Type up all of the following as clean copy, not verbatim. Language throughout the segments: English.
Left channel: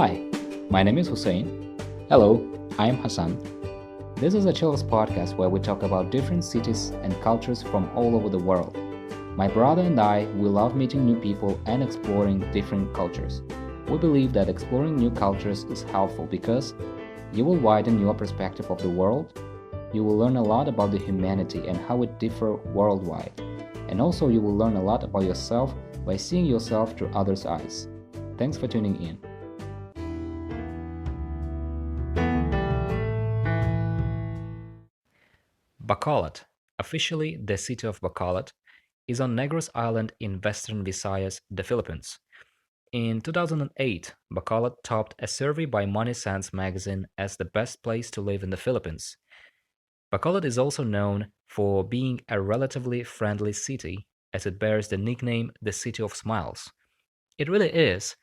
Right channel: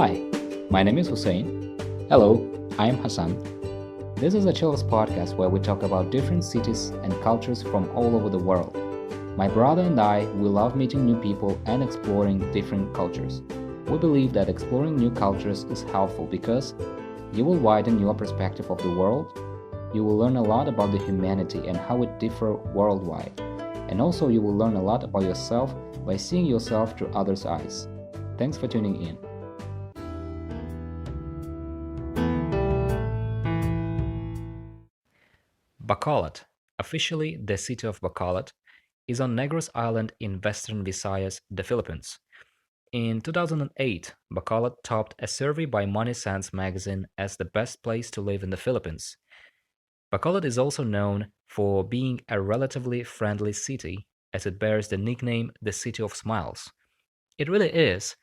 Hi, my name is Hussein. Hello, I am Hassan. This is a Chills podcast where we talk about different cities and cultures from all over the world. My brother and I, we love meeting new people and exploring different cultures. We believe that exploring new cultures is helpful because you will widen your perspective of the world, you will learn a lot about the humanity and how it differs worldwide, and also you will learn a lot about yourself by seeing yourself through others' eyes. Thanks for tuning in. Bacolod, officially the City of Bacolod, is on Negros Island in Western Visayas, the Philippines. In 2008, Bacolod topped a survey by MoneySense Magazine as the best place to live in the Philippines. Bacolod is also known for being a relatively friendly city, as it bears the nickname the City of Smiles. It really is.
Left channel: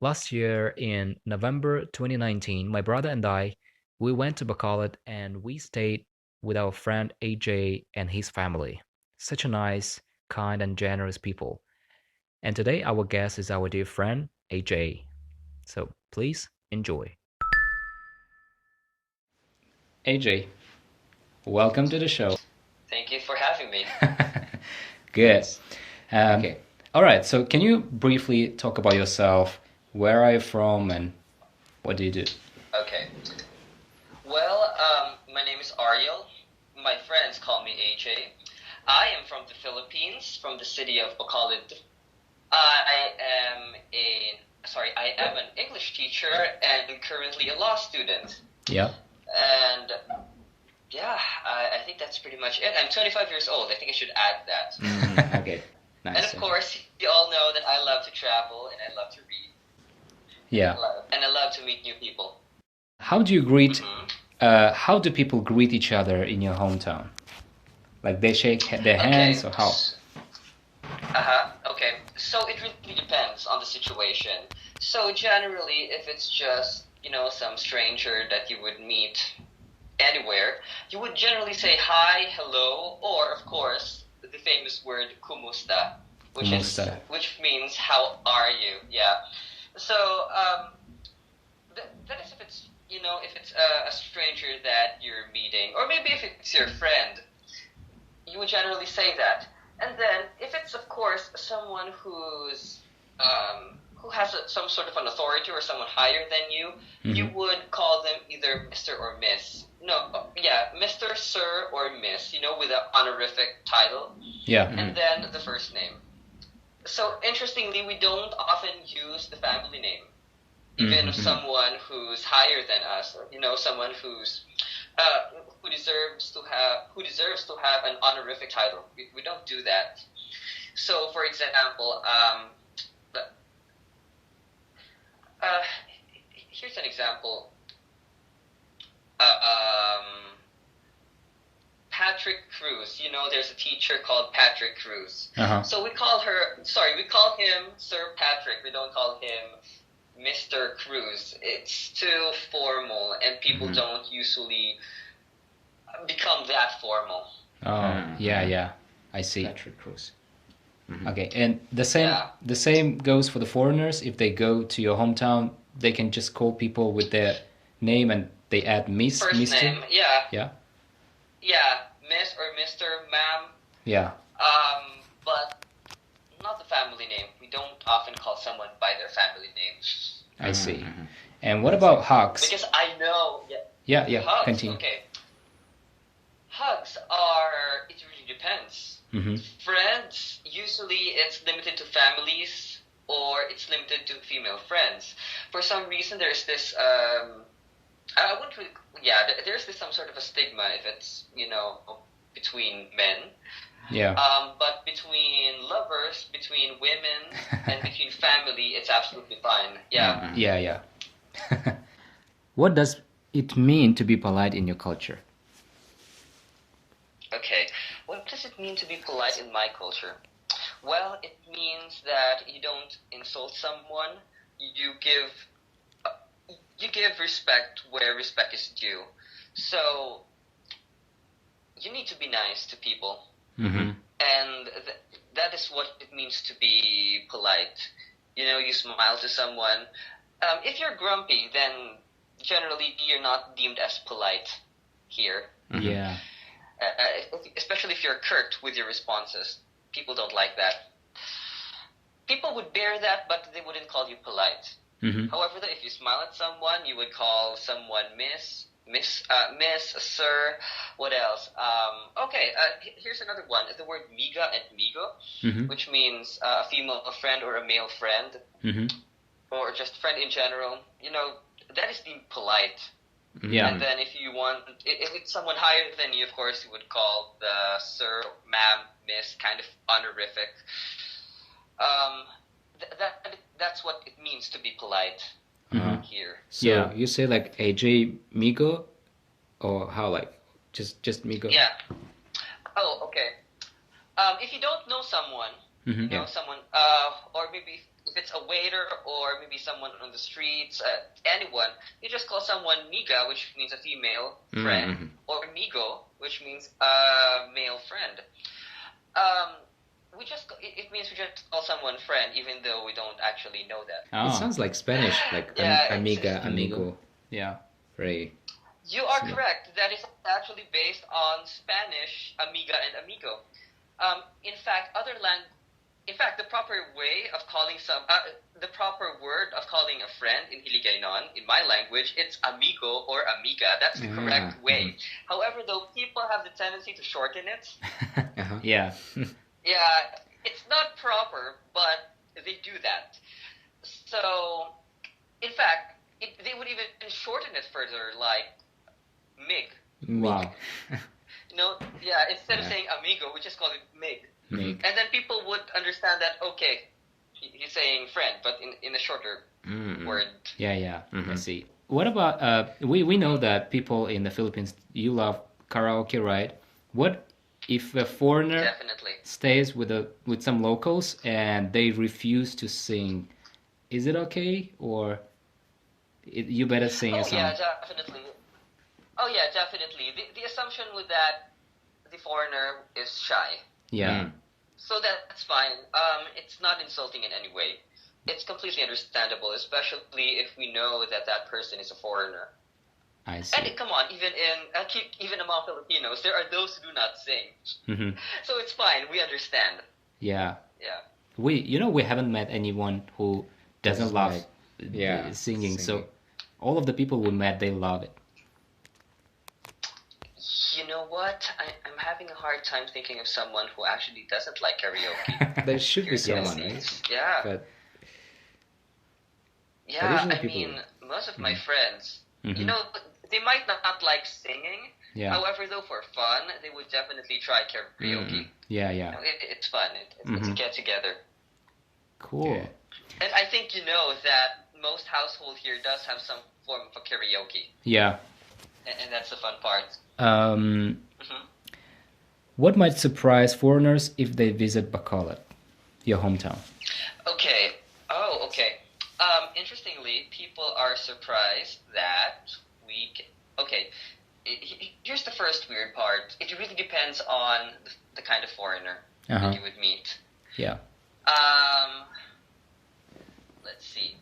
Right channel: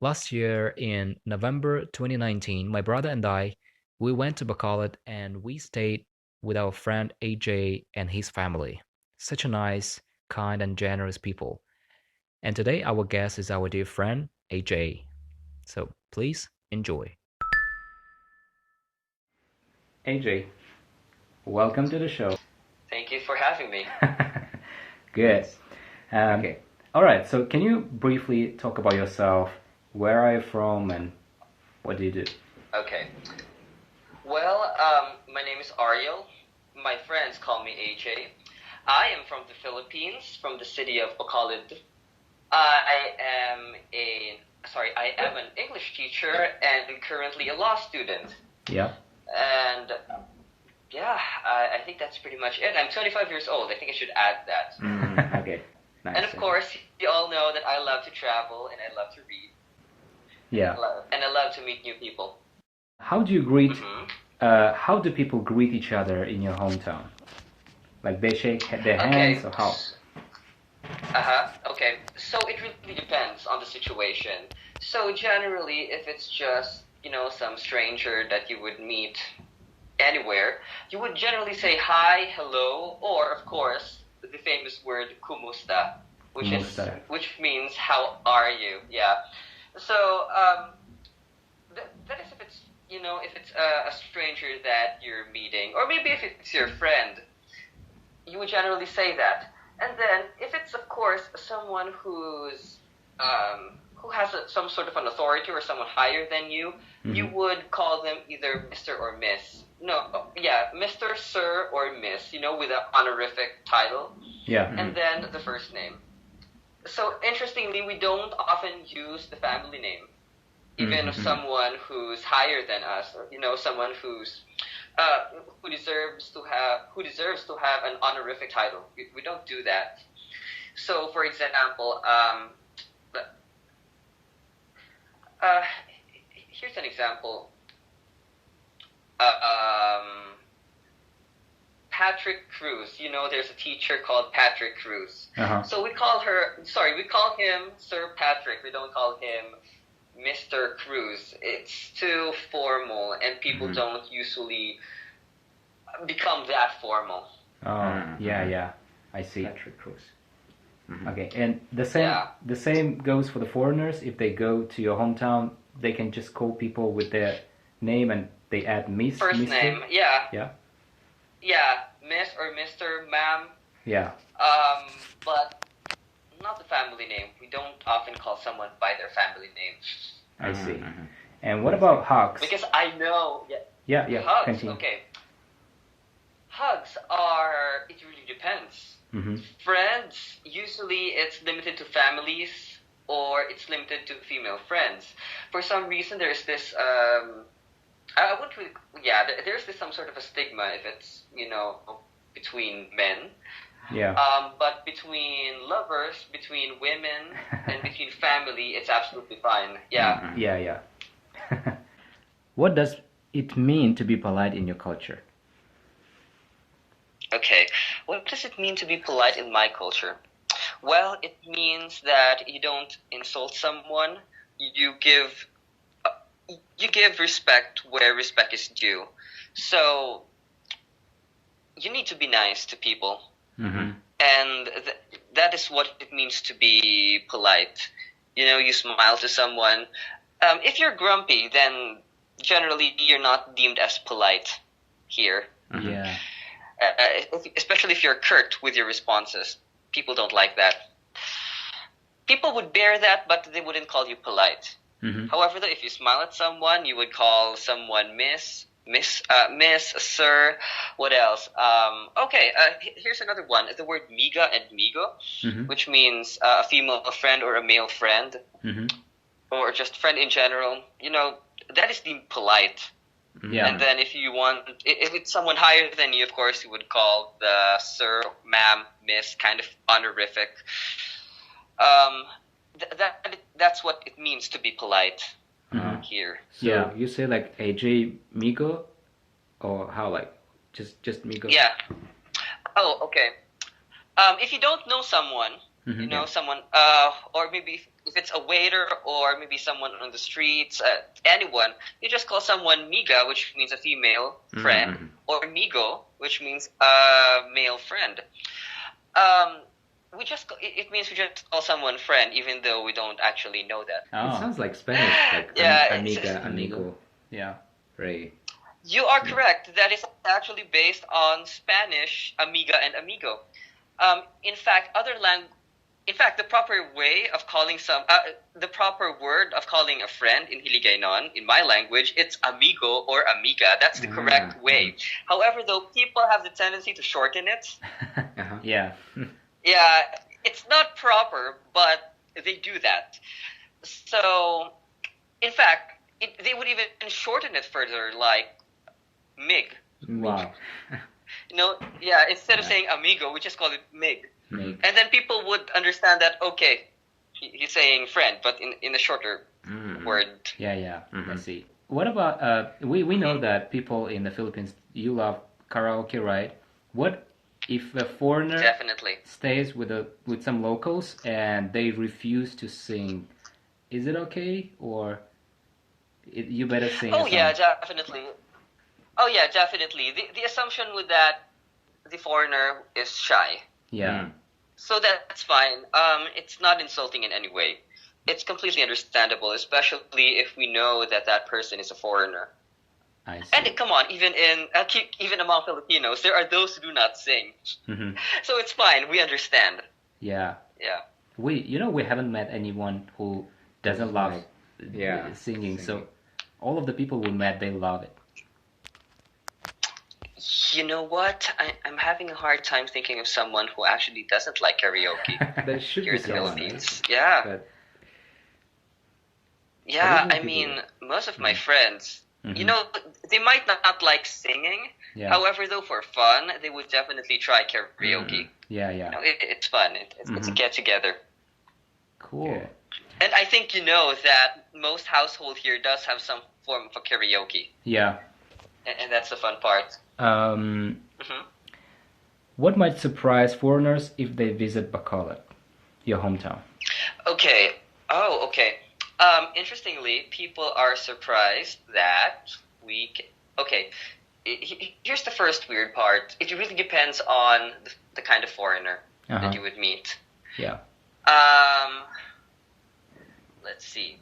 Last year, in November 2019, my brother and I, we went to Bacolod and we stayed with our friend AJ and his family. Such a nice, kind, and generous people. And today, our guest is our dear friend AJ. So please enjoy. AJ, welcome to the show. Thank you for having me. Good. Okay. All right. So, can you briefly talk about yourself? Where are you from, and what do you do? Okay. Well, my name is Ariel. My friends call me AJ. I am from the Philippines, from the city of Bacolod. I am an English teacher and currently a law student. Yeah. And yeah, I think that's pretty much it. I'm 25 years old. I think I should add that. Okay. Nice. And of course, you all know that I love to travel and I love to read. Yeah. And I love to meet new people. How do you greet? How do people greet each other in your hometown? Like they shake their hands or how? Okay. So it really depends on the situation. So generally, if it's just, some stranger that you would meet anywhere, you would generally say hi, hello, or of course, the famous word kumusta, which means how are you? Yeah. So that is if it's if it's a stranger that you're meeting, or maybe if it's your friend, you would generally say that. And then if it's of course someone who has some sort of an authority or someone higher than you, you would call them either Mr. or Miss. Mr., Sir, or Miss, with an honorific title. Yeah. And then the first name. So interestingly, we don't often use the family name, even of someone who's higher than us, someone who deserves to have an honorific title. We don't do that. So, for example, here's an example. Patrick Cruz. There's a teacher called Patrick Cruz. So we call him Sir Patrick. We don't call him Mr. Cruz. It's too formal, and people don't usually become that formal. Oh, yeah. I see. Patrick Cruz. Okay, and the same goes for the foreigners. If they go to your hometown, they can just call people with their name and they add Miss, First Mr. name, yeah. Yeah. Yeah, Miss or Mr., ma'am. Yeah. But not the family name. We don't often call someone by their family name. I see. And what about hugs? Because I know. Yeah. Hugs. Continue. Okay. Hugs are. It really depends. Friends, usually it's limited to families or it's limited to female friends. For some reason, there's this. I wouldn't really. Yeah, there's this some sort of a stigma if it's between men. Yeah. But between lovers, between women, and between family, it's absolutely fine. Yeah. Yeah. What does it mean to be polite in your culture? Okay. What does it mean to be polite in my culture? Well, it means that you don't insult someone. You give respect where respect is due. So you need to be nice to people. And that is what it means to be polite. You smile to someone. If you're grumpy, then generally you're not deemed as polite here. Yeah. Especially if you're curt with your responses. People don't like that. People would bear that, but they wouldn't call you polite. However, though, if you smile at someone, you would call someone miss, sir. What else? Okay, here's another one. The word miga and migo, which means a female friend or a male friend, or just friend in general. That is deemed polite. Yeah. And then if it's someone higher than you, of course, you would call the sir, ma'am, miss, kind of honorific. That's what it means to be polite here. So you say like AJ Migo, or how, like just Migo? Yeah. Oh, okay. If you don't know someone, someone, or maybe if it's a waiter or maybe someone on the streets, anyone, you just call someone miga, which means a female friend, or migo, which means a male friend. It means we just call someone friend, even though we don't actually know that. Oh. It sounds like Spanish, like amiga, amigo. Yeah, right. You are correct. That is actually based on Spanish, amiga and amigo. In fact, the proper way of calling the proper word of calling a friend in Hiligaynon, in my language, it's amigo or amiga. That's the correct way. However, though, people have the tendency to shorten it. Yeah. Yeah, it's not proper, but they do that. So, in fact, they would even shorten it further, like mig. Wow. Instead of saying amigo, we just call it mig. Mig. And then people would understand that, okay, he's saying friend, but in a shorter word. Yeah. I see. What about, we know that people in the Philippines, you love karaoke, right? What if a foreigner Definitely stays with some locals and they refuse to sing? Is it okay, or you better sing a song? Yeah, definitely. Oh yeah, definitely. The assumption with that, the foreigner is shy. Yeah. So that's fine. It's not insulting in any way. It's completely understandable, especially if we know that person is a foreigner. I see. And come on, even among Filipinos, there are those who do not sing. So it's fine. We understand. Yeah. Yeah. We haven't met anyone who doesn't love singing. So all of the people we met, they love it. You know what? I'm having a hard time thinking of someone who actually doesn't like karaoke. There should be someone, right? Yeah. But I mean, most of my friends, they might not like singing. Yeah. However, though, for fun, they would definitely try karaoke. Yeah. It's fun. It's a get together. Cool. Yeah. And I think that most household here does have some form of karaoke. Yeah. And that's the fun part. What might surprise foreigners if they visit Bacolod, your hometown? Okay. Oh, okay. Interestingly, people are surprised that here's the first weird part. It really depends on the kind of foreigner that you would meet. Yeah. Let's see.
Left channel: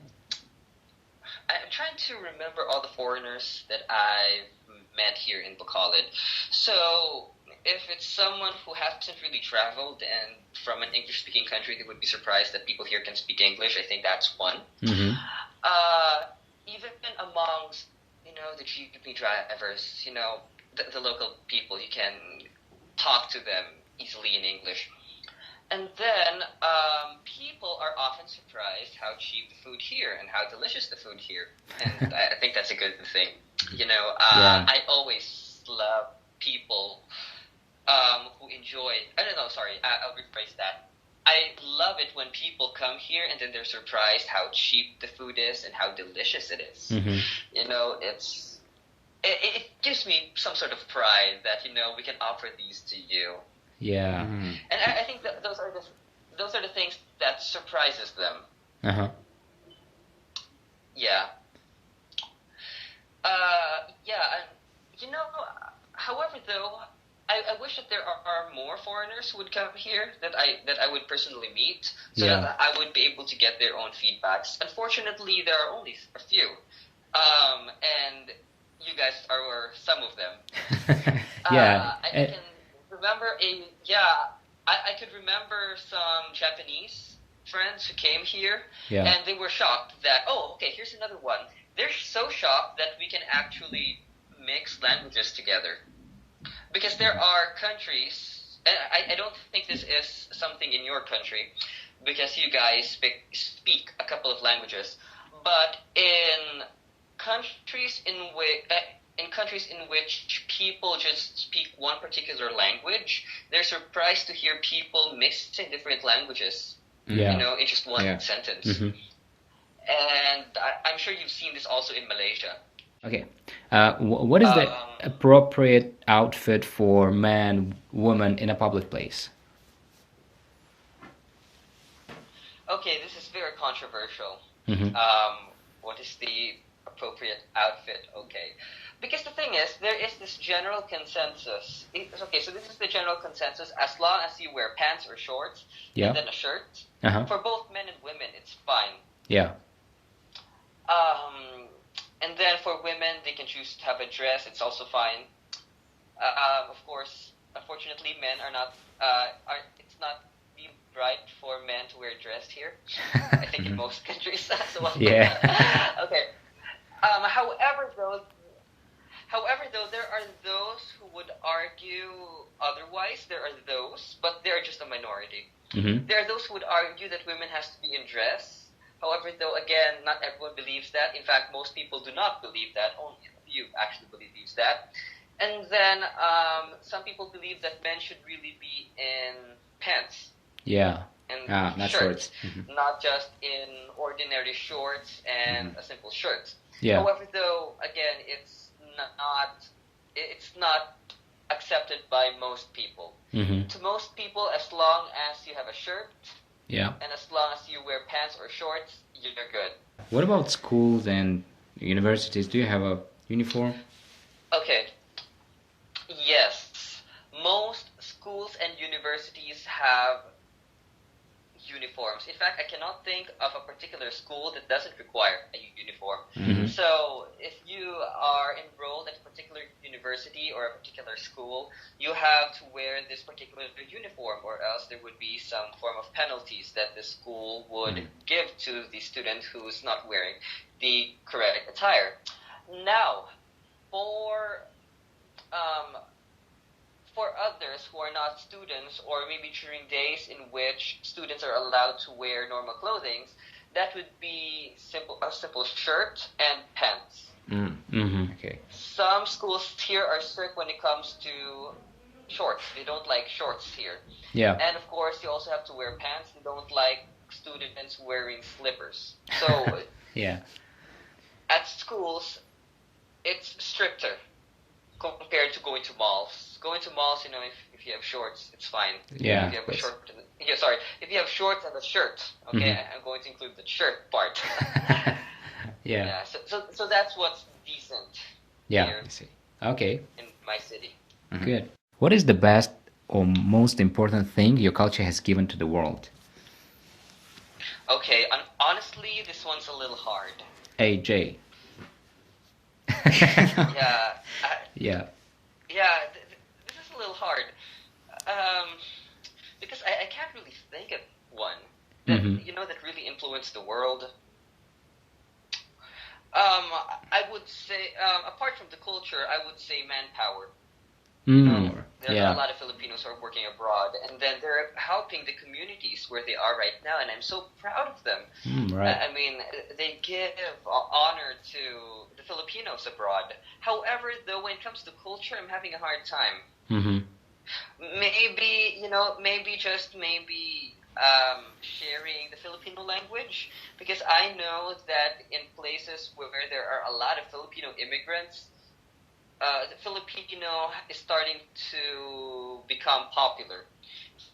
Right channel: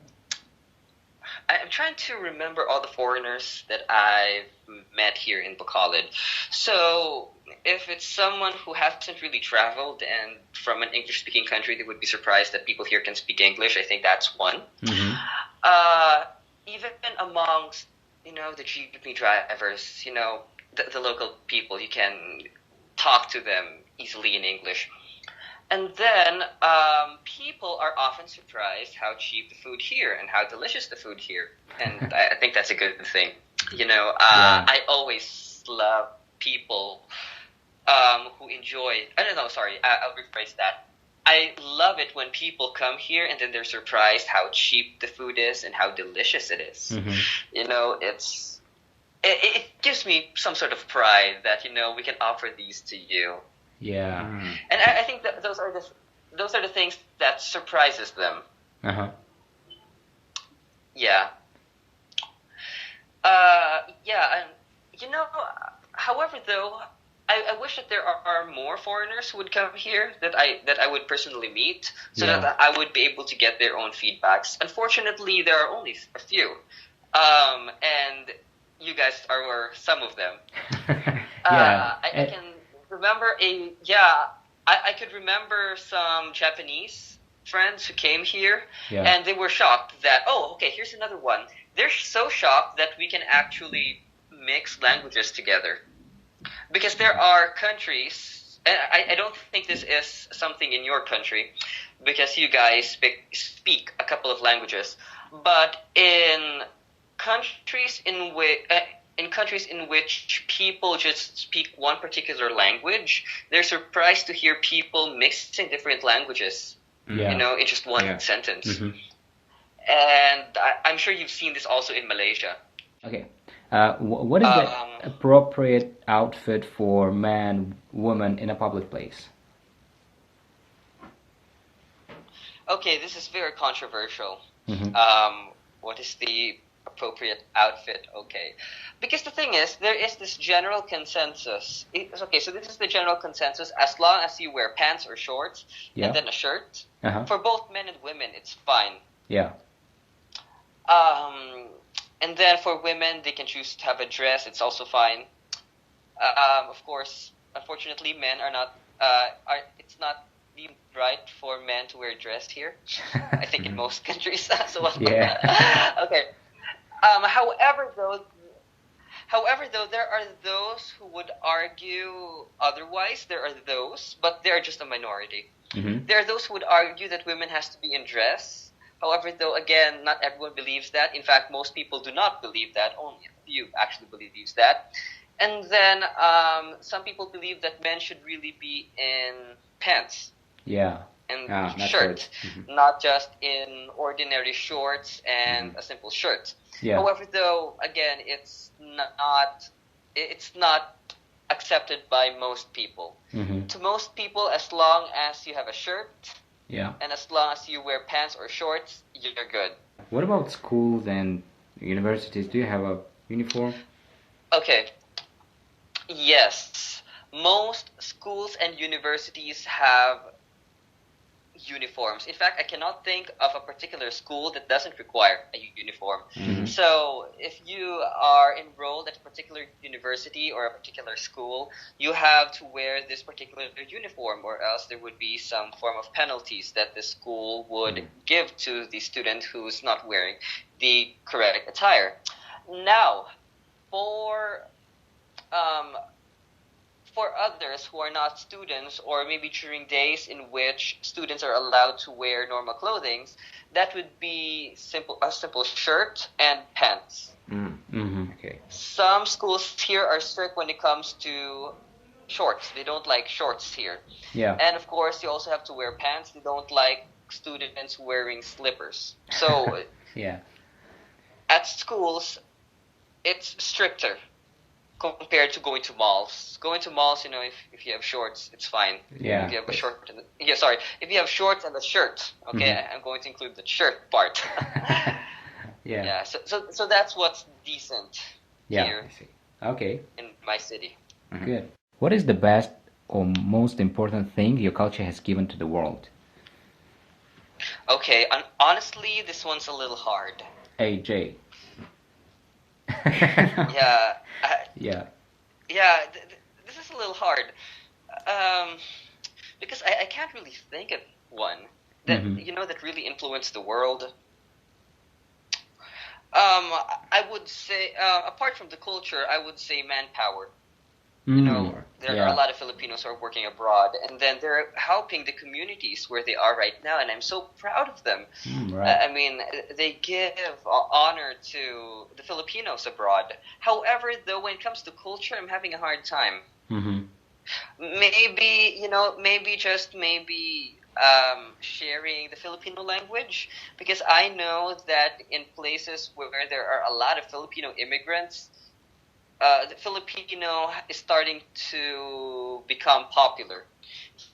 I'm trying to remember all the foreigners that I've met here in Bacolod. So, if it's someone who hasn't really traveled and from an English-speaking country, they would be surprised that people here can speak English. I think that's one. Even amongst, the GP drivers, the local people, you can talk to them easily in English. And then people are often surprised how cheap the food here and how delicious the food here. And I think that's a good thing. I always love people who enjoy... I'll rephrase that. I love it when people come here and then they're surprised how cheap the food is and how delicious it is. It gives me some sort of pride that, we can offer these to you. Yeah. And I think that those are the things that surprises them. Yeah. And however, though, I wish that there are more foreigners who would come here that I would personally meet, so Yeah. that I would be able to get their own feedbacks. Unfortunately, there are only a few, and you guys are some of them. Yeah. I can remember I could remember some Japanese friends who came here, Yeah. and they were shocked that, oh, okay, here's another one. They're so shocked that we can actually mix languages together. Because there are countries, and I don't think this is something in your country, because you guys speak a couple of languages, but countries in countries in which people just speak one particular language, they're surprised to hear people mixing different languages, Yeah. in just one Yeah. sentence. Mm-hmm. And I'm sure you've seen this also in Malaysia. Okay. What is the appropriate outfit for man, woman in a public place? Okay, this is very controversial. Mm-hmm. What is the appropriate outfit? Okay, because the thing is, there is this general consensus. Okay, so this is the general consensus. As long as you wear pants or shorts Yeah. and then a shirt, Uh-huh. for both men and women, it's fine. Yeah. And then for women, they can choose to have a dress. It's also fine. Of course, unfortunately, men are not. It's not deemed right for men to wear a dress here. I think in most countries as well. Yeah. Okay. However, though, there are those who would argue otherwise. There are those, but they are just a minority. Mm-hmm. There are those who would argue that women has to be in dress. However, though, again, not everyone believes that. In fact, most people do not believe that. Only a few actually believes that. And then some people believe that men should really be in pants Yeah. and not shirts, shorts. Mm-hmm. not just in ordinary shorts and a simple shirt. Yeah. However, though, again, it's not accepted by most people. Mm-hmm. To most people, as long as you have a shirt, Yeah. and as long as you wear pants or shorts, you're good. What about schools and universities? Do you have a uniform? Okay. Yes. Most schools and universities have uniforms. In fact, I cannot think of a particular school that doesn't require a uniform. Mm-hmm. So if you are enrolled at a particular university or a particular school, you have to wear this particular uniform, or else there would be some form of penalties that the school would give to the student who's not wearing the correct attire. Now, for others who are not students, or maybe during days in which students are allowed to wear normal clothing, that would be a simple shirt and pants. Mm-hmm. Okay. Some schools here are strict when it comes to shorts. They don't like shorts here. Yeah. And of course, you also have to wear pants. They don't like students wearing slippers. So Yeah. at schools, it's stricter compared to going to malls. Going to malls, if you have shorts, it's fine. Yeah. If you have a short, if you have shorts and a shirt, okay, I'm going to include the shirt part. Yeah. Yeah. So that's what's decent Yeah. here I see. Okay. in my city. Good. What is the best or most important thing your culture has given to the world? Okay, honestly, this one's a little hard. AJ. Yeah. Yeah. Yeah, this is a little hard. Because I can't really think of one that that really influenced the world. I would say, apart from the culture, I would say manpower. There are a lot of Filipinos who are working abroad, and then they're helping the communities where they are right now, and I'm so proud of them. Right. I mean, they give honor to the Filipinos abroad. However, though, when it comes to culture, I'm having a hard time. Mm-hmm. Maybe sharing the Filipino language, because I know that in places where there are a lot of Filipino immigrants, the Filipino is starting to become popular.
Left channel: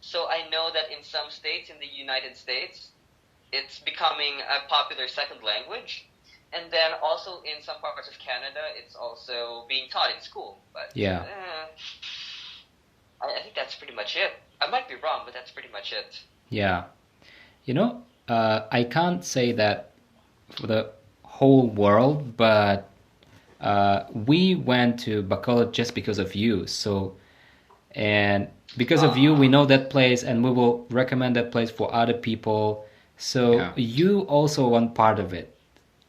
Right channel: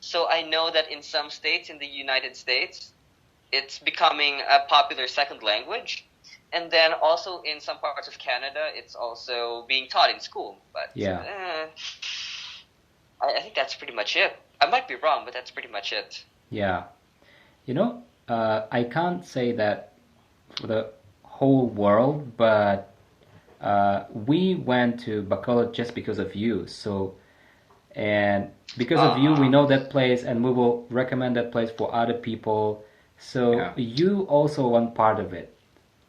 So I know that in some states in the United States, it's becoming a popular second language. And then also in some parts of Canada, it's also being taught in school. But Yeah. I think that's pretty much it. I might be wrong, but that's pretty much it. Yeah. I can't say that for the whole world, but we went to Bacolod just because of you. So, and because of you, we know that place, and we will recommend that place for other people. So Yeah. you also one part of it,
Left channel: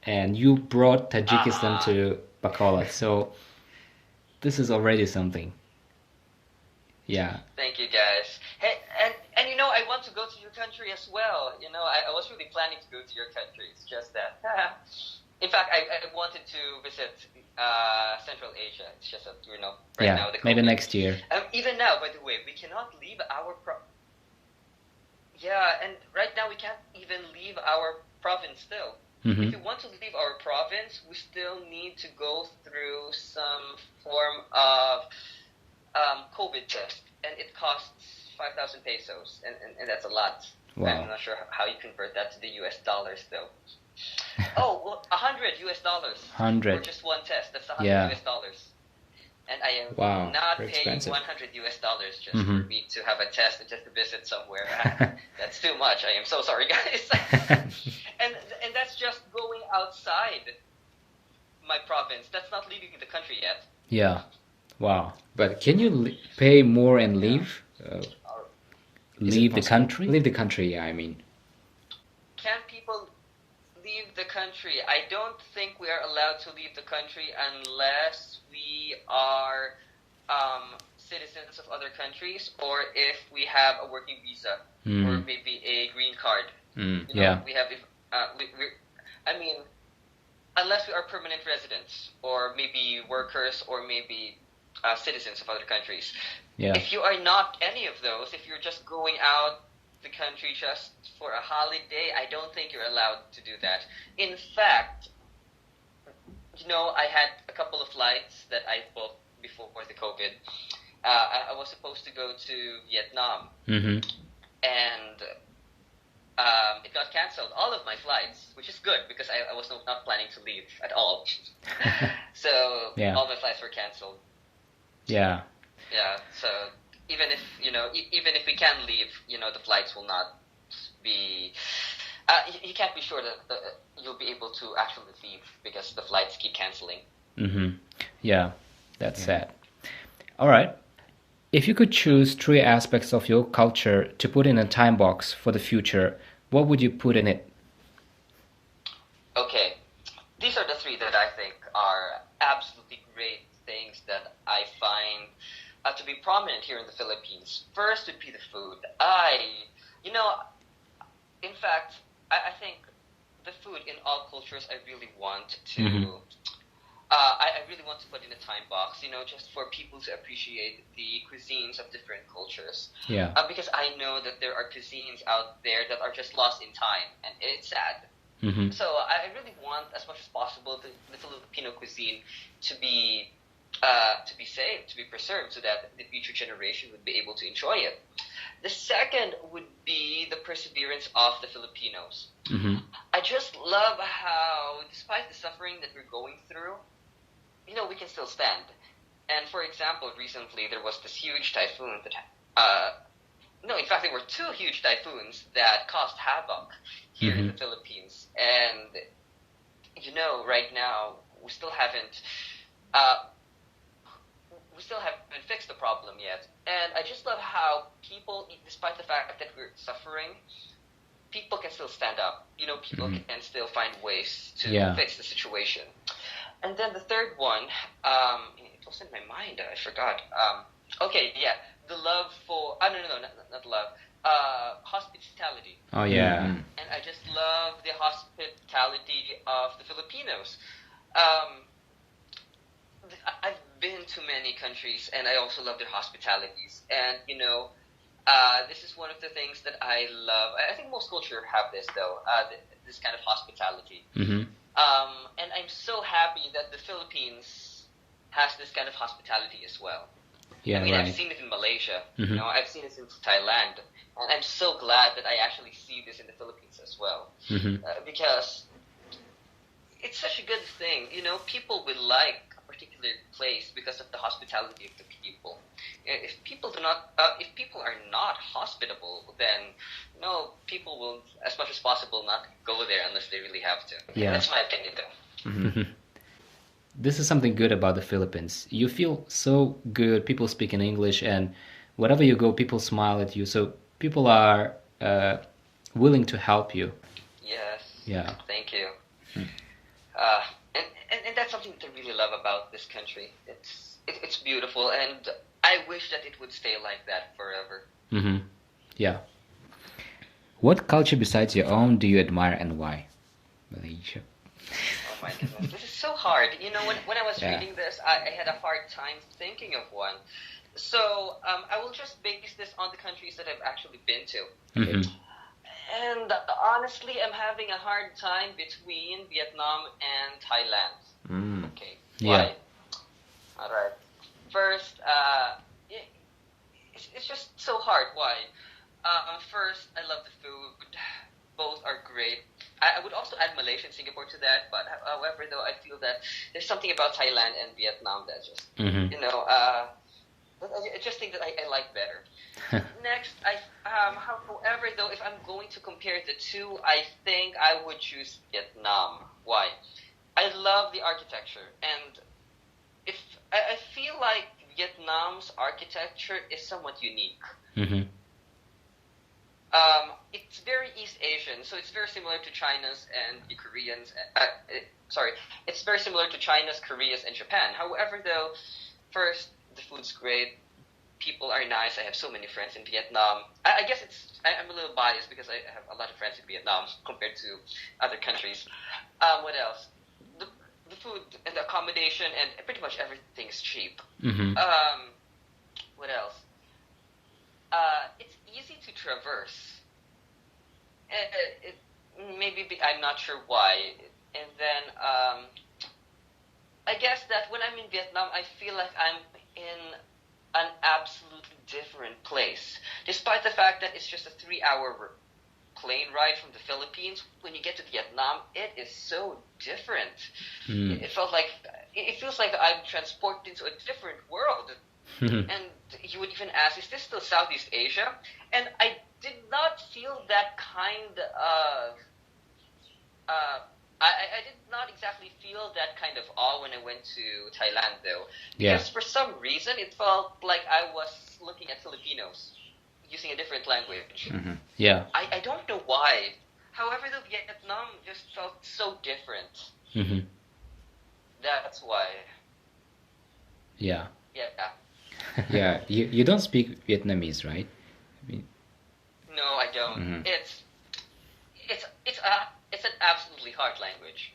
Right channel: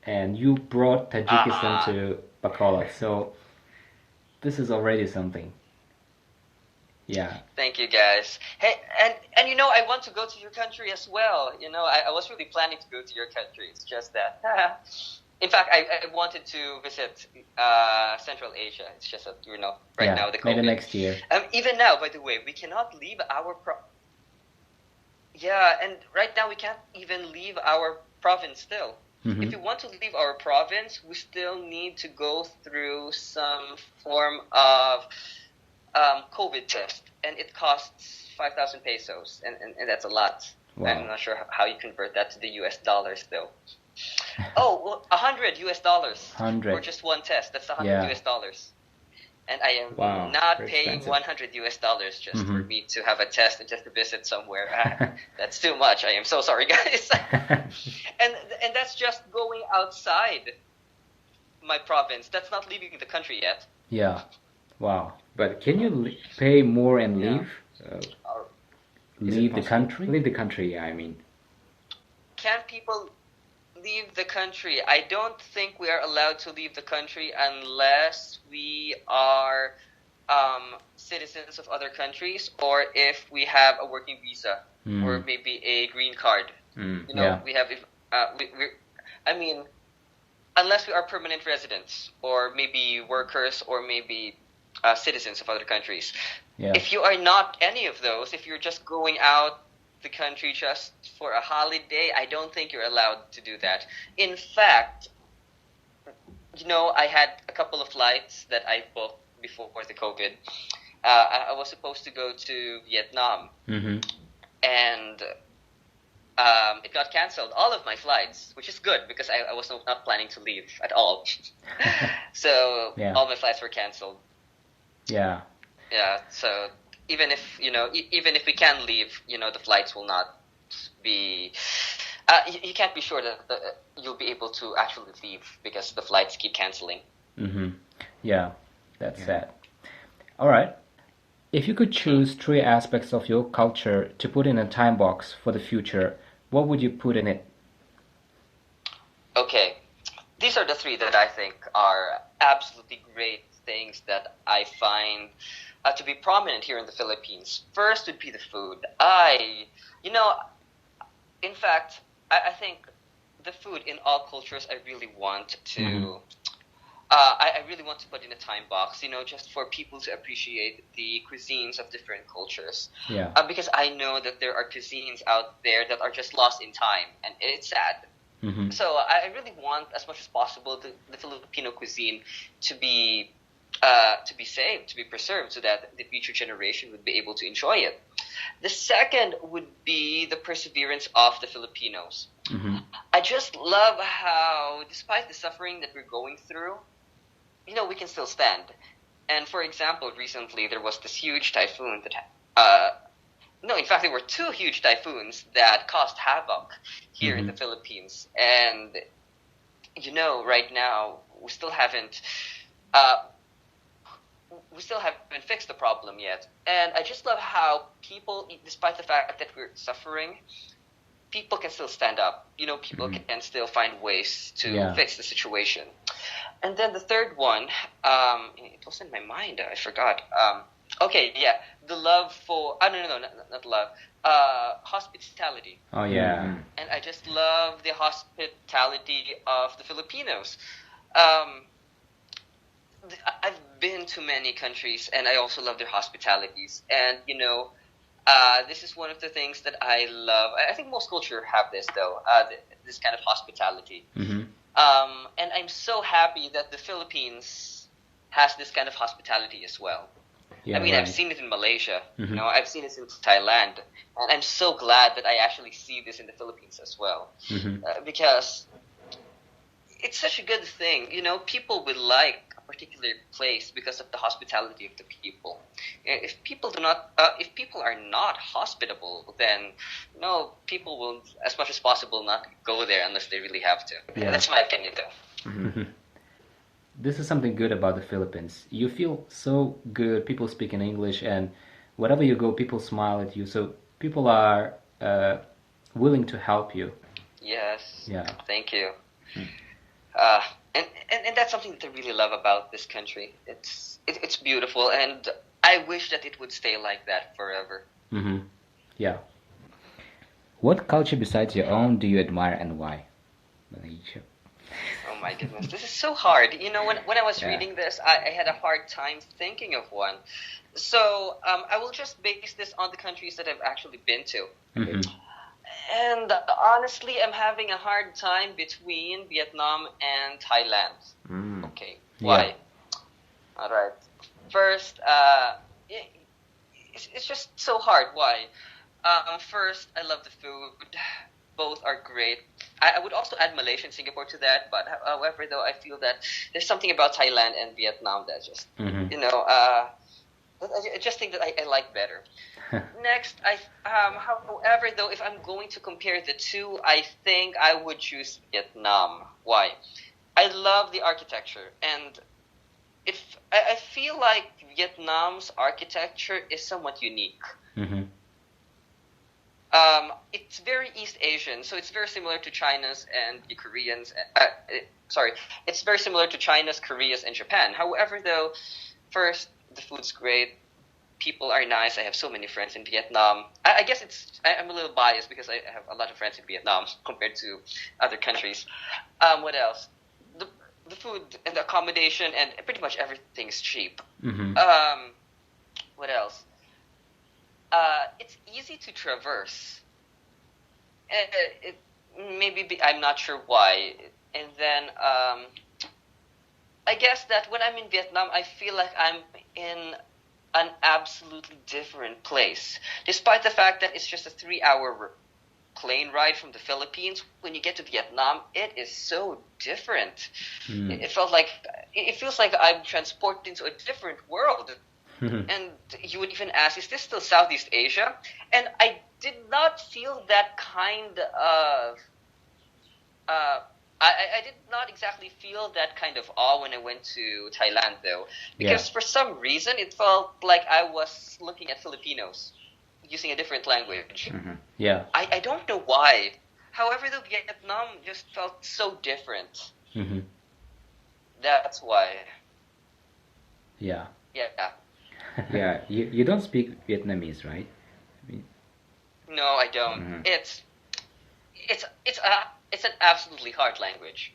and you brought Tajikistan to Bacolod. So this is already something. Yeah. Thank you, guys. Hey, and I want to go to your country as well. I was really planning to go to your country. It's just that. In fact, I wanted to visit Central Asia. It's just that, right Yeah, now the maybe COVID. next year. Even now, by the way, we cannot leave our Yeah, and right now we can't even leave our province still. Mhm. If we want to leave our province, we still need to go through some form of COVID test, and it costs 5,000 pesos, and that's a lot. Wow. I'm not sure how you convert that to the US dollars, though. Oh, well, 100 US dollars 100. for just one test. That's 100 Yeah. US dollars. And I am Wow, not very paying expensive. 100 US dollars just for Mhm. me to have a test and just to visit somewhere. That's too much. I am so sorry, guys. and that's just going outside my province. That's not leaving the country yet. Yeah. Wow. But can you pay more and leave? Leave the country? Leave the country, yeah, I mean. Can people leave the country? I don't think we are allowed to leave the country unless we are citizens of other countries, or if we have a working visa or maybe a green card. Yeah. We have. I mean, unless we are permanent residents or maybe workers or maybe citizens of other countries. Yeah. If you are not any of those, if you're just going out the country just for a holiday, I don't think you're allowed to do that. In fact, I had a couple of flights that I booked before the COVID. I was supposed to go to Vietnam, Mm-hmm. and it got canceled, all of my flights, which is good because I was not planning to leave at all. So Yeah. all my flights were canceled. Yeah. Yeah, so even if even if we can leave, the flights will not be. You can't be sure that you'll be able to actually leave because the flights keep canceling. Mm-hmm. Yeah. That's sad. All right. If you could choose 3 aspects of your culture to put in a time box for the future, what would you put in it? Okay, these are the 3 that I think are absolutely great things that I find to be prominent here in the Philippines. First would be the food. In fact, I think the food in all cultures I really want to. Mhm. I really want to put in a time box, just for people to appreciate the cuisines of different cultures. Yeah. Because I know that there are cuisines out there that are just lost in time, and it's sad. Mm-hmm. So I really want, as much as possible, the Filipino cuisine to be saved, to be preserved, so that the future generation would be able to enjoy it. The second would be the perseverance of the Filipinos. Mm-hmm. I just love how, despite the suffering that we're going through, we can still stand. And for example, recently there was this huge typhoon that, no, in fact, there were 2 huge typhoons that caused havoc here in the Philippines. And, right now, we still haven't fixed the problem yet. And I just love how people, despite the fact that we're suffering, people can still stand up. People can still find ways to fix the situation. And then the third one, it was in my mind. I forgot. Okay, yeah, the love for. No, not love. Hospitality. Oh, yeah. And I just love the hospitality of the Filipinos. I've been to many countries, and I also love their hospitalities. And this is one of the things that I love. I think most culture have this, though. This kind of hospitality. Mm-hmm. And I'm so happy that the Philippines has this kind of hospitality as well. Yeah, right. I've right. seen it in Malaysia. Mhm. I've seen it in Thailand, and I'm so glad that I actually see this in the Philippines as well, Mhm. because it's such a good thing. People would like particular place because of the hospitality of the people. If people are not hospitable, then no, people will, as much as possible, not go there unless they really have to. Yeah. That's my opinion, though. This is something good about the Philippines. You feel so good. People speak in English, and wherever you go, people smile at you. So people are willing to help you. Yes. Yeah. Thank you. Uh, and that's something that I really love about this country. It's beautiful, and I wish that it would stay like that forever. Mm-hmm. Yeah. What culture besides your own do you admire and why? Malaysia. Oh my goodness, this is so hard. When I was Yeah. reading this, I had a hard time thinking of one. So I will just base this on the countries that I've actually been to. Mm-hmm. And honestly, I'm having a hard time between Vietnam and Thailand. Mm. Okay, Yeah. why? All right. First, it's just so hard. Why? First, I love the food. Both are great. I would also add Malaysia and Singapore to that, but however, though, I feel that there's something about Thailand and Vietnam that just, Mm-hmm. I just think that I like better. Next, however, though, if I'm going to compare the two, I think I would choose Vietnam. Why? I love the architecture, and I feel like Vietnam's architecture is somewhat unique. Mm-hmm. It's very East Asian, so it's very similar to China's and the Koreans. It's very similar to China's, Korea's, and Japan. However, though, first, the food's great. People are nice. I have so many friends in Vietnam. I guess I'm a little biased because I have a lot of friends in Vietnam compared to other countries. What else? The food and the accommodation and pretty much everything is cheap. Mm-hmm. What else? It's easy to traverse. I'm not sure why. And then I guess that when I'm in Vietnam, I feel like I'm in an absolutely different place. Despite the fact that it's just a 3-hour plane ride from the Philippines, when you get to Vietnam, it is so different. Mm. It feels like I'm transported into a different world. And you would even ask, is this still Southeast Asia? And I did not feel that kind of I did not exactly feel that kind of awe when I went to Thailand, though, because for some reason it felt like I was looking at Filipinos using a different language. Mm-hmm. Yeah. I don't know why. However, though, Vietnam just felt so different. Mm-hmm. That's why. Yeah. Yeah. Yeah. You don't speak Vietnamese, right? No, I don't. Mm-hmm. It's an absolutely hard language,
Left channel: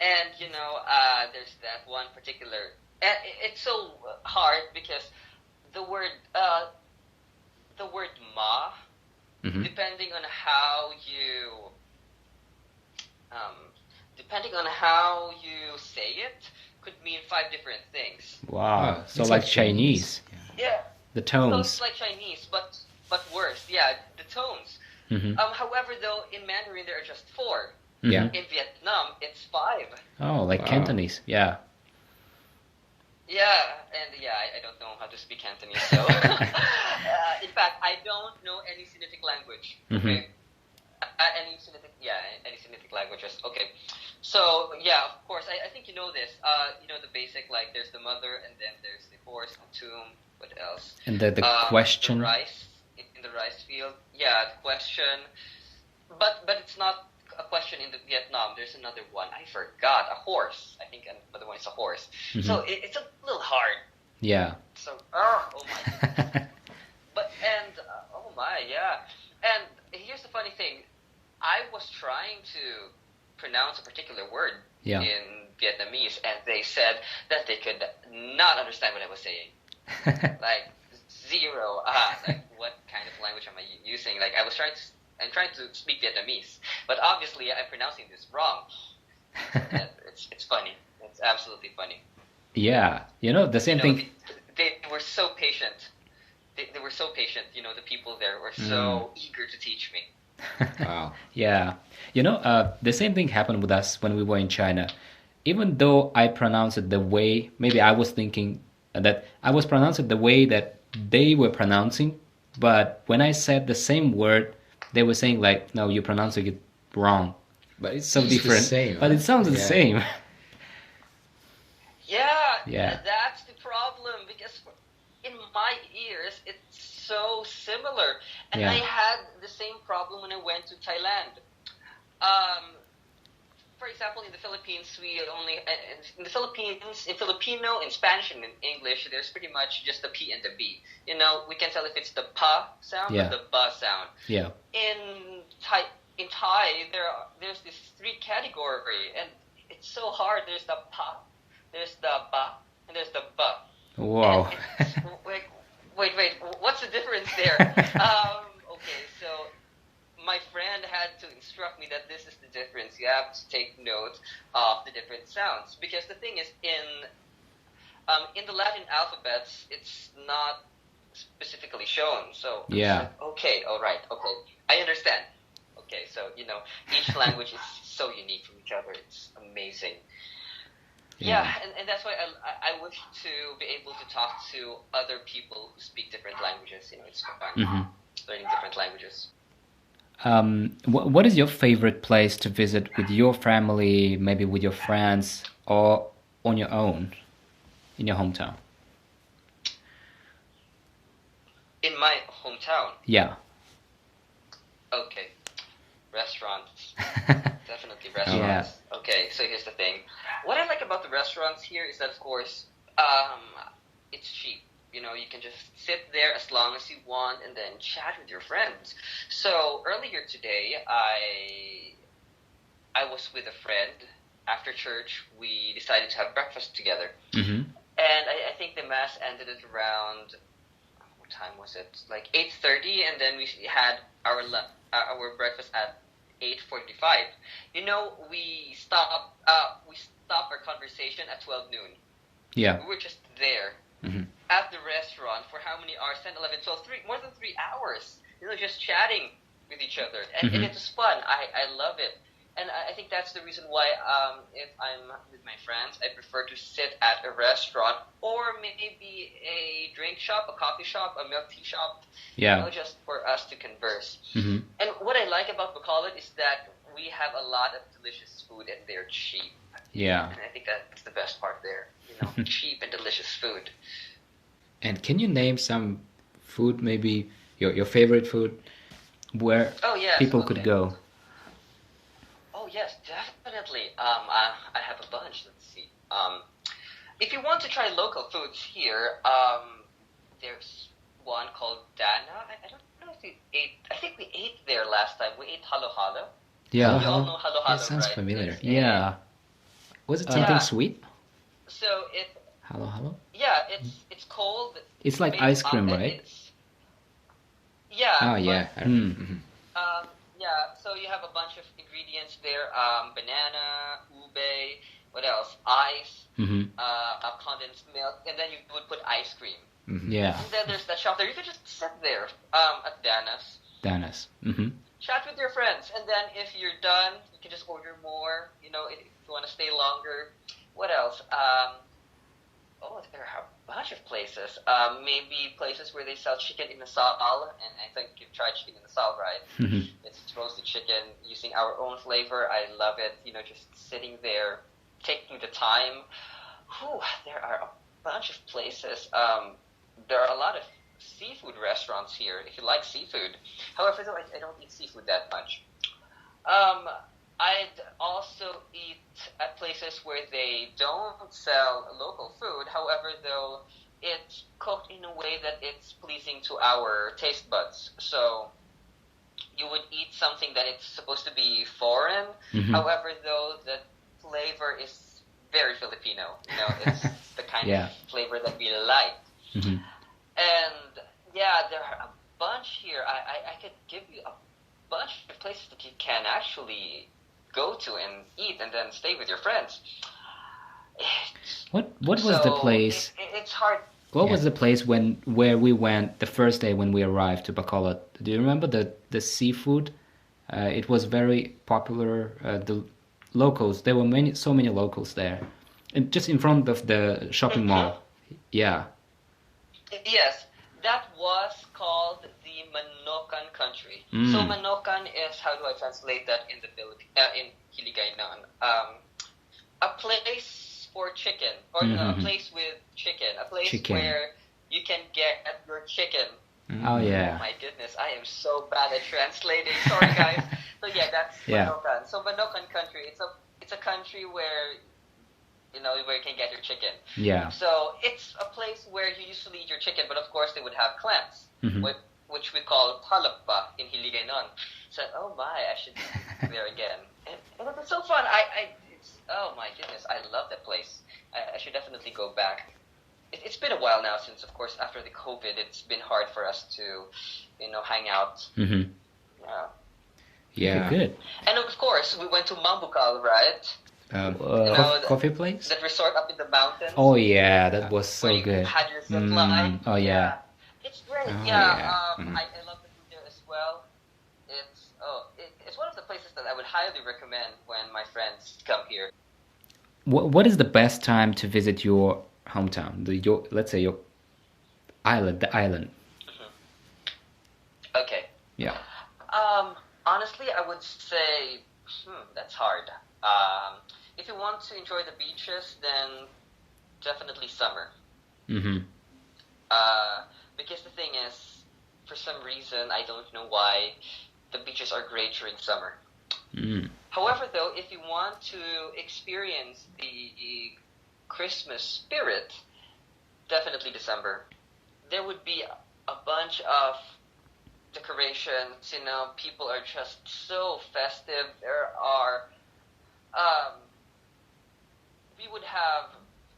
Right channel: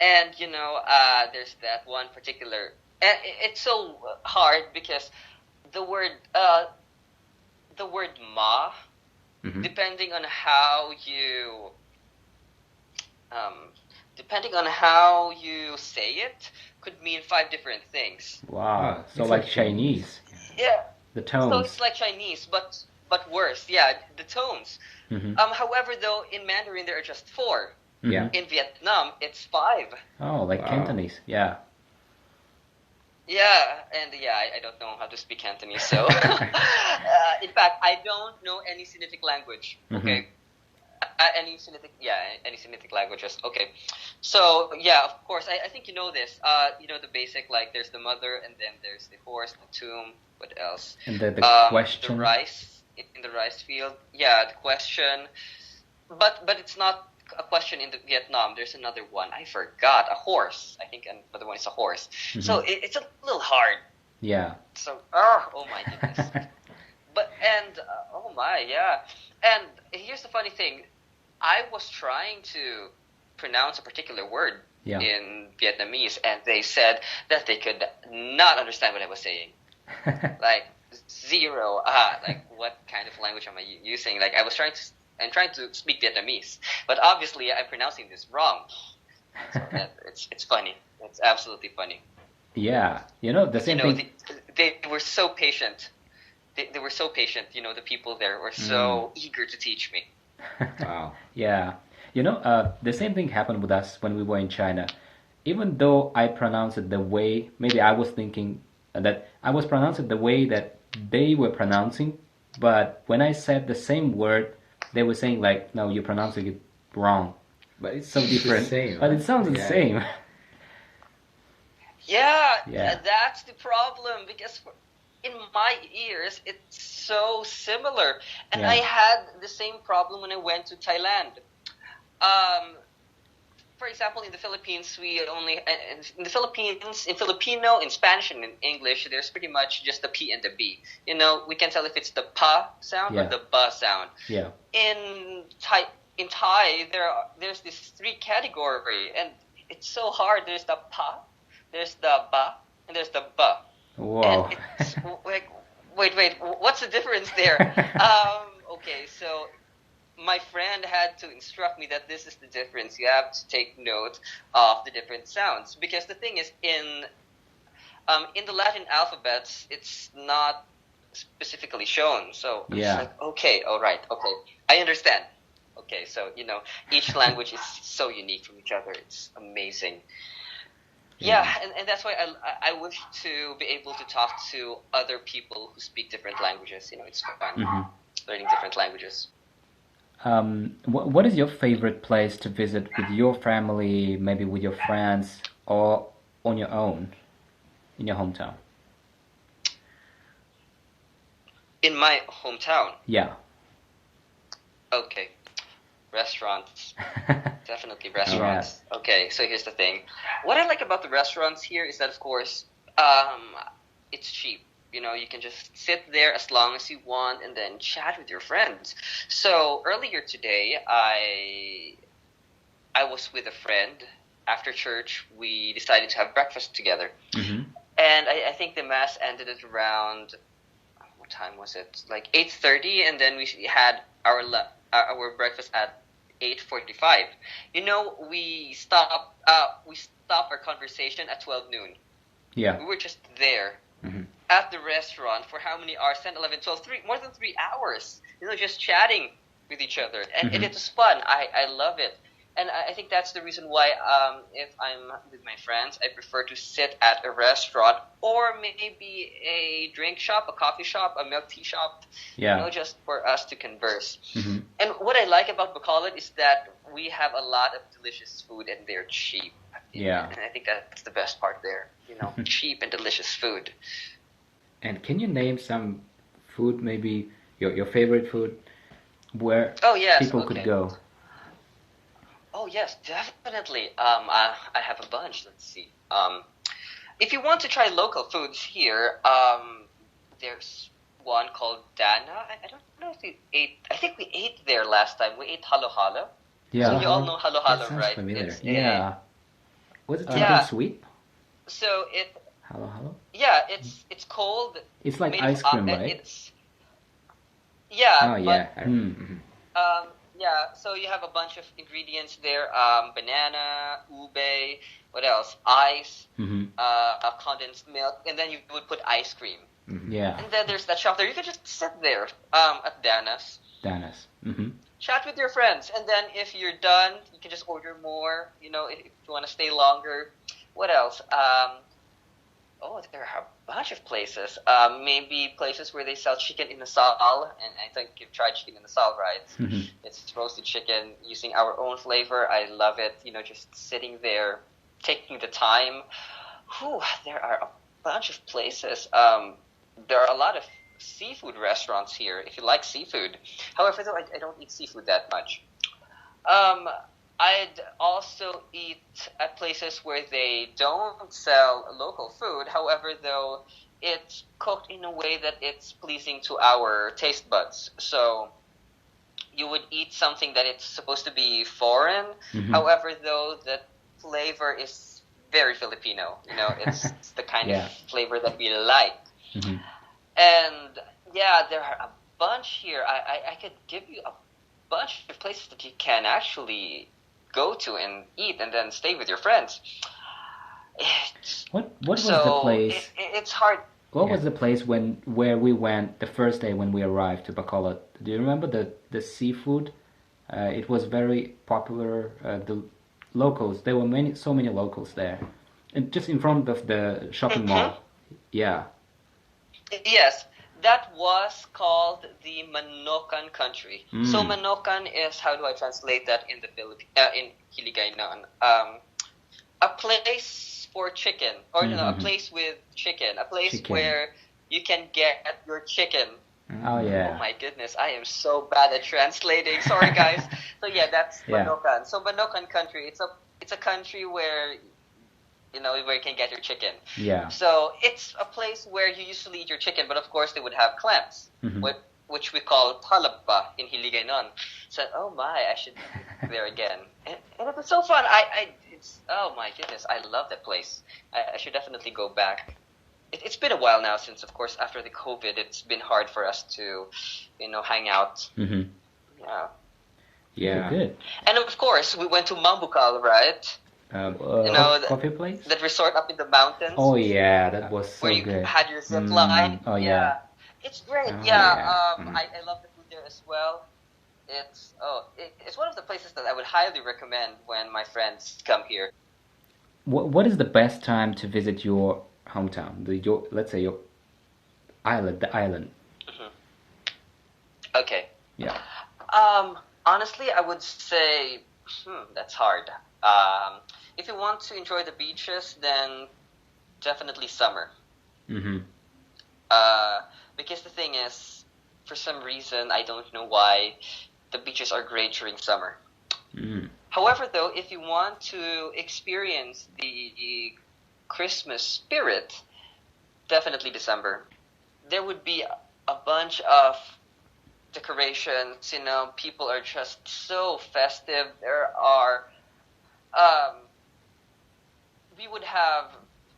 and there's that one particular. And it's so hard because the word ma, Mm-hmm. depending on how you say it, could mean 5 different things. Wow. So It's like like Chinese. Yeah. The So tones. it's like Chinese, but worse. Yeah, the tones. Mm-hmm. However, though, in Mandarin there are just 4. Yeah. In Vietnam, it's 5. Oh, like Cantonese. Yeah. Yeah, and I don't know how to speak Cantonese, so in fact, I don't know any Sinitic language. Okay, any Sinitic languages. Okay, so yeah, of course, I think you know this. The basic, like there's the mother, and then there's the horse, the tomb. What else? And the question. The rice in the rice field. Yeah, the question, but it's not a question in the Vietnam. There's another one. I forgot. A horse. I think another one is a horse. Mm-hmm. So it's a little hard. Yeah. So, oh my goodness. Oh my, yeah. And here's the funny thing. I was trying to pronounce a particular word in Vietnamese, and they said that they could not understand what I was saying. Like, zero. Like, what kind of language am I using? Like, I'm trying to speak Vietnamese, but obviously I'm pronouncing this wrong. So, yeah, it's funny. It's absolutely funny. Yeah, the same thing. They were so patient. They were so patient. The people there were so eager to teach me. Wow. Yeah. The same thing happened with us when we were in China. even though I pronounce it the way, maybe I was thinking that I was pronouncing it the way that they were pronouncing, but when I said the same word, they were saying like, no, you're pronouncing it wrong. But it's so It's the different. same, But huh? it sounds the Yeah. same. Yeah, Yeah. that's the problem because in my ears it's so similar, and I Yeah. had the same problem when I went to Thailand. Um, for example, in the Philippines, we only in the Philippines in Filipino, in Spanish, and in English, there's pretty much just the P and the B. You know, we can tell if it's the pa sound or Yeah. the ba sound. Yeah. In Thai, there's this three category, and it's so hard. There's the pa, there's the ba, and there's the ba. And Wow. it's like, wait, what's the difference there? Okay, so my friend had to instruct me that this is the difference. You have to take note of the different sounds because the thing is, in the Latin alphabets, it's not specifically shown. So it's Yeah. like, okay, all right, okay, I understand. Okay, so each language is so unique from each other. It's amazing. Yeah, Yeah. and that's why I wish to be able to talk to other people who speak different languages. It's fun Hmm. learning different languages. What is your favorite place to visit with your family, maybe with your friends, or on your own in your hometown? In my hometown, Yeah. okay, restaurants. Definitely Yeah. restaurants. Okay, so here's the thing. What I like about the restaurants here is that, of course, um, it's cheap. You can just sit there as long as you want and then chat with your friends. So earlier today, I was with a friend. After church, we decided to have breakfast together. Hmm. And I think the mass ended at around, what time was it? Like 8:30, and then we had our breakfast at 8:45. We stopped our conversation at 12 noon. Yeah. We were just there Hmm. at the restaurant for how many hours? 10, 11, 12, more than 3 hours. Just chatting with each other, and it Hmm. was fun. I love it, and I think that's the reason why if I'm with my friends, I prefer to sit at a restaurant or maybe a drink shop, a coffee shop, a milk tea shop. Yeah. Just for us to converse. Hmm. And what I like about Bacolod is that we have a lot of delicious food and they're cheap. Yeah. And I think that's the best part there. Cheap and delicious food. And can you name some food, maybe your favorite food, where Oh yes, people could okay. go? Oh yes, definitely. I have a bunch. Let's see. If you want to try local foods here, there's one called Dana. I don't know if we ate. I think we ate there last time. We ate halo halo. Yeah. So you all know halo That halo, sounds right? familiar. It's Yeah. Was it something Yeah. sweet? So Hello. it's cold. It's like Made ice cream, right? It's yeah, Oh yeah. but Mm-hmm. so you have a bunch of ingredients there. Banana, ube, what else? Ice, Mm-hmm. condensed milk, and then you would put ice cream. Yeah. And then there's that shop there. You can just sit there at Dana's, Danas. Mm-hmm. chat with your friends, and then if you're done, you can just order more. If you want to stay longer. What else? There are a bunch of places. Maybe places where they sell chicken inasal, and I think you've tried chicken inasal, right? Mm-hmm. It's roasted chicken using our own flavor. I love it. Just sitting there, taking the time. There are a bunch of places. There are a lot of seafood restaurants here, if you like seafood. However, though, I don't eat seafood that much. I'd also eat at places where they don't sell local food. However, though, it's cooked in a way that it's pleasing to our taste buds. So you would eat something that it's supposed to be foreign. Mm-hmm. However, though, the flavor is very Filipino. It's the kind Yeah. of flavor that we like. Mm-hmm. And yeah, there are a bunch here. I could give you a bunch of places that you can actually go to and eat and then stay with your friends. What was the place? It's hard. What was the place where we went the first day when we arrived to Bacolod? Do you remember the seafood? It was very popular. locals. There were so many locals there, and just in front of the shopping Mhm. mall. Yeah. Yes, that was called the Manokan country. So Mm. Manokan is, how do I translate that in the Philippines? In Hiligaynon, a place for chicken, or a Mm-hmm. place with chicken, a place Chicken. where you can get your chicken. Oh Oh yeah. my goodness, I am so bad at translating. Sorry, guys. So yeah, that's Yeah. Manokan. So Manokan country, it's a country where where you can get your chicken. Yeah. So it's a place where you usually eat your chicken, but of course they would have clams, Mm-hmm. which we call talaba in Hiligaynon. So oh my, I should eat there again, and it was so fun. It's oh my goodness, I love that place. I should definitely go back. It's been a while now since, of course, after the COVID, it's been hard for us to, hang out. Mm-hmm. Yeah, Yeah. Good. and of course we went to Mambukal, right? Uh, Coffee place? That resort up in the mountains. Oh yeah, that was Where so you good. had your zip line. Oh yeah. It's great. Oh Yeah, yeah. I love the food there as well. It's one of the places that I would highly recommend when my friends come here. What is the best time to visit your hometown? Your, let's say, your island, the island. Mhm. Okay. Yeah. Honestly, I would say that's hard. If you want to enjoy the beaches, then definitely summer. Mm-hmm. Uh, because the thing is, for some reason, I don't know why, the beaches are great during summer. Mm. However, though, if you want to experience the Christmas spirit, definitely December. There would be a bunch of decorations. People are just so festive. Um, we would have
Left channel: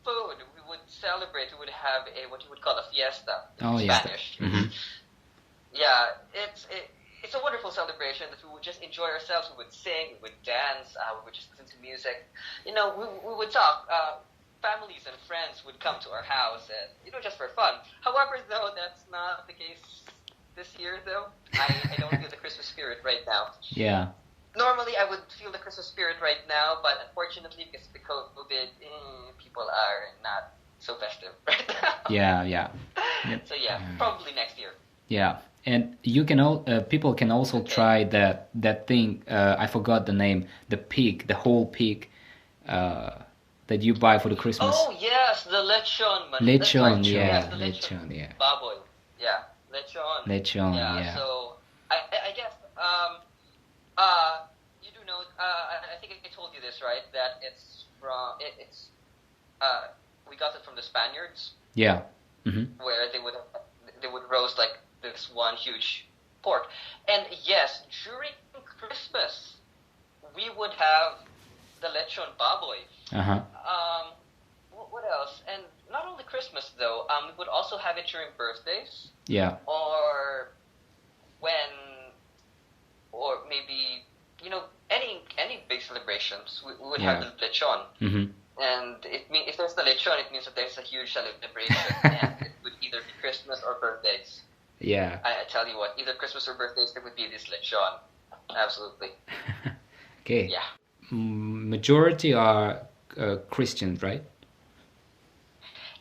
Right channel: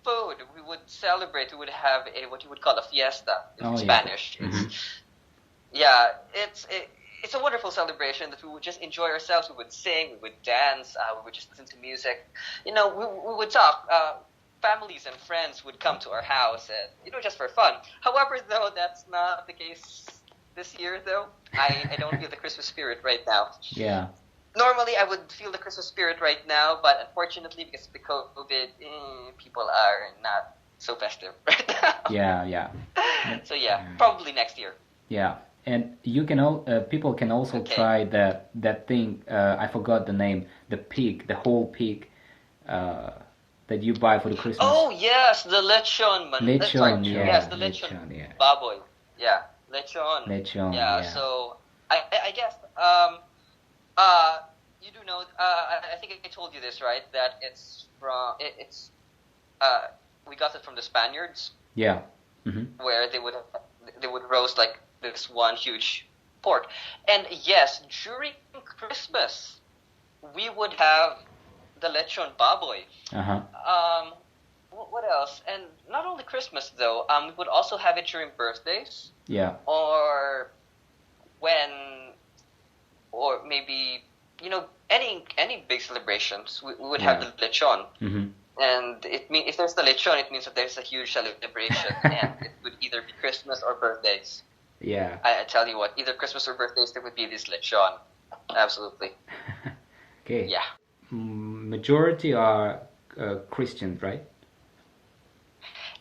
food. We would celebrate. We would have what you would call a fiesta in Oh yeah. Spanish. Mm-hmm. Yeah, it's a wonderful celebration that we would just enjoy ourselves. We would sing, we would dance, we would just listen to music. We would talk. Families and friends would come to our house, and just for fun. However, though, that's not the case this year. Though I don't feel the Christmas spirit right now. Yeah. Normally, I would feel the Christmas spirit right now, but unfortunately, because of the COVID, people are not so festive right now. Yeah. Yeah. So yeah, probably next year. Yeah. And you can people can also Okay. try that thing. I forgot the name. The pig, the whole pig, that you buy for the Christmas. Oh yes, the lechon. Lechon, yeah, Yes, the lechon. lechon, yeah. Baboy. Yeah, lechon. Lechon, yeah. So I guess you do know. I think I told you this, right? That it's from we got it from the Spaniards, Yeah. Mm-hmm. where they would roast like this one huge pork, and yes, during Christmas we would have the lechon baboy. Uh-huh. What else? And not only Christmas though. We would also have it during birthdays, Yeah. or or maybe any big celebrations. We would have the lechon, Mm-hmm. and if there's the lechon, it means that there's a huge celebration, and it would either be Christmas or birthdays. Yeah. I tell you what, either Christmas or birthdays, there would be this lechon. Absolutely. Okay. Yeah. Majority are Christians, right?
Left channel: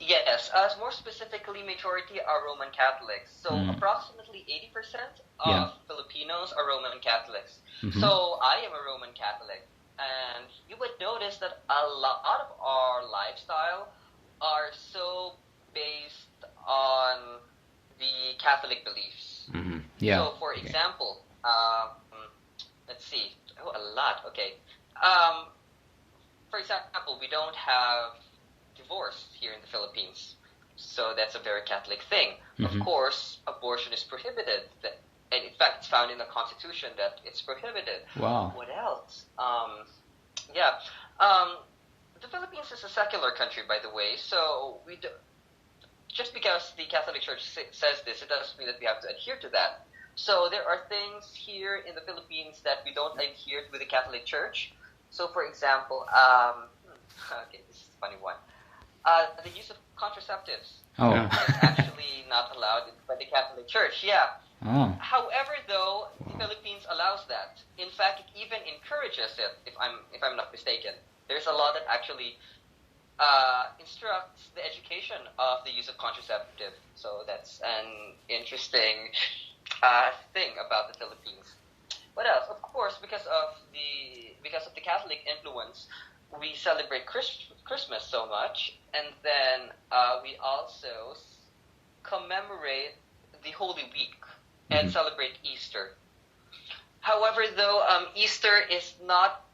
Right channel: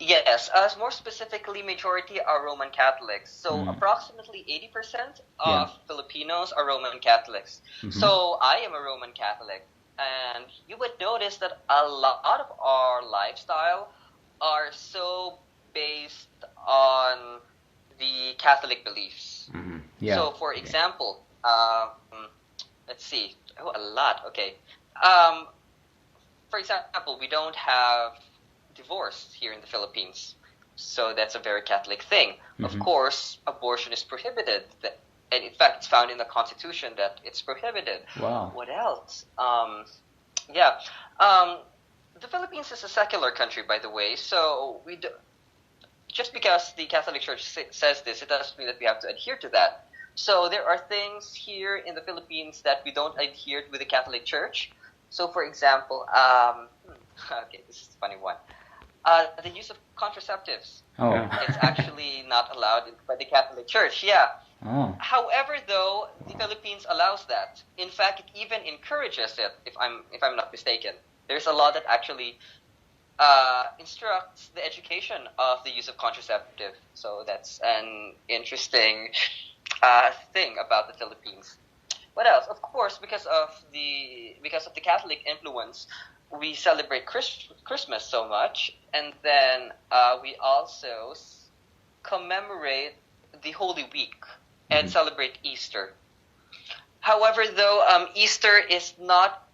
Yes, more specifically, majority are Roman Catholics. So approximately 80% of Filipinos are Roman Catholics. Mm-hmm. So I am a Roman Catholic. And you would notice that a lot of our lifestyle are so based on the Catholic beliefs. Mm-hmm. Yeah. So, for example, let's see. Oh, a lot. Okay. For example, we don't have divorce here in the Philippines. So that's a very Catholic thing. Mm-hmm. Of course, abortion is prohibited. And in fact, it's found in the Constitution that it's prohibited. Wow. What else? The Philippines is a secular country, by the way. So just because the Catholic Church says this, it doesn't mean that we have to adhere to that. So there are things here in the Philippines that we don't adhere to with the Catholic Church. So, for example, okay, this is a funny one. The use of contraceptives. Oh. It's actually not allowed by the Catholic Church. Yeah. Oh. However, though, the Philippines allows that. In fact, it even encourages it. If I'm not mistaken, there's a law that actually instructs the education of the use of contraceptive. So that's an interesting thing about the Philippines. What else? Of course, because of the Catholic influence, we celebrate Christmas so much, and then we also commemorate the Holy Week and Mhm. celebrate Easter. However, though, Easter is not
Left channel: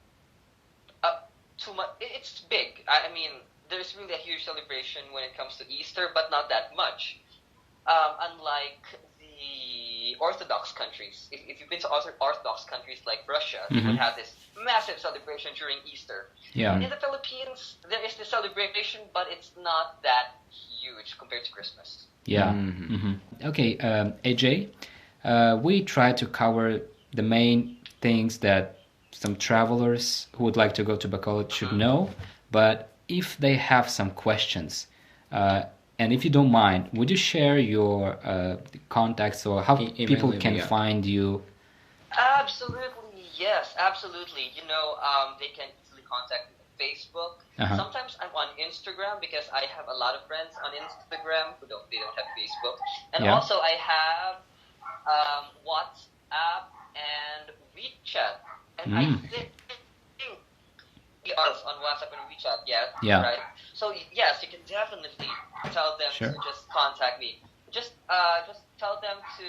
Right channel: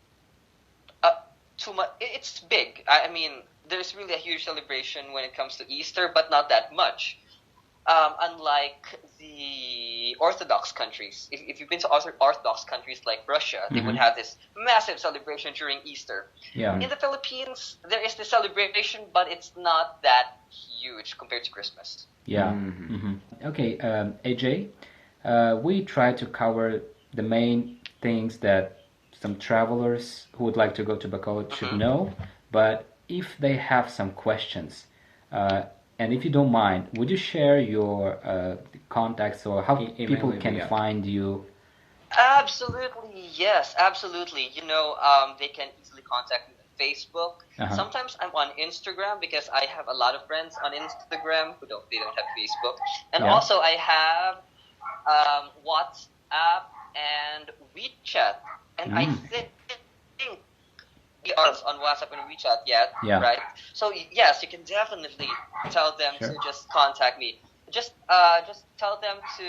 uh, too much. It's big. I mean, there's really a huge celebration when it comes to Easter, but not that much. Unlike the Orthodox countries, if you've been to Orthodox countries like Russia, they would Mhm. have this massive celebration during Easter. Yeah. In the Philippines, there is the celebration, but it's not that huge compared to Christmas. Yeah. Mhm. Hmm. Okay, AJ, we try to cover the main things that some travelers who would like to go to Bacolod should Mhm. know. But if they have some questions, uh, and if you don't mind, would you share your contacts or how Email people me, can yeah. find you? Absolutely, yes, absolutely. They can easily contact me on Facebook. Uh-huh. Sometimes I'm on Instagram because I have a lot of friends on Instagram who don't have Facebook, and Yeah. also I have WhatsApp and WeChat, and I Mm. think we are on WhatsApp and WeChat yet, Yeah. right? So yes, you can definitely tell them Sure. to just contact me. Just tell them to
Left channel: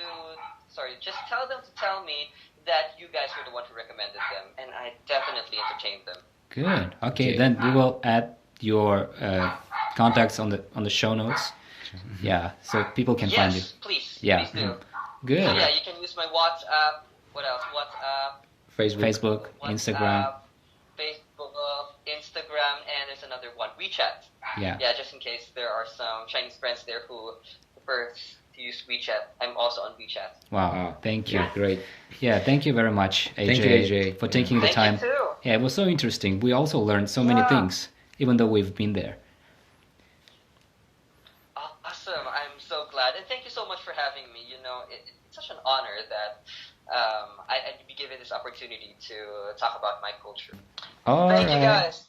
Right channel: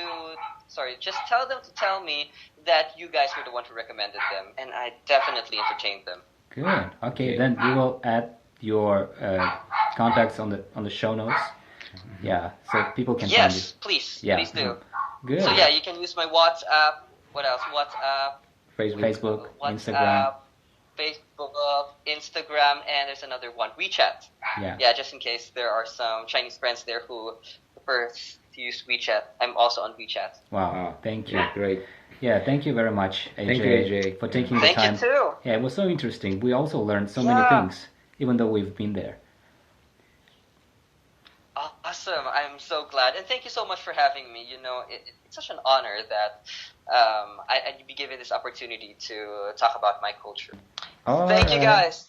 just tell them to tell me that you guys were the one who recommended them, and I definitely entertained them. Good. Okay, Okay. then we will add your contacts on the show notes. Yeah, so people can find you. Yes, please, Yeah. please do. Good. So yeah, you can use my WhatsApp. What else? Facebook. Facebook, Instagram. WhatsApp, Facebook, Instagram, and there's another one, WeChat. Yeah. Yeah, just in case there are some Chinese friends there who prefer to use WeChat. I'm also on WeChat. Wow. Wow. Thank you. Yeah, great. Yeah, thank you very much, AJ, Thank you, AJ. for Yeah. taking the Thank you time. too. Yeah, it was so interesting. We also learned so many Yeah. things, even though we've been there. Awesome. I'm so glad. And thank you so much for having me. It's such an honor that I'd be given this opportunity to talk about my culture. All Thank you right. guys.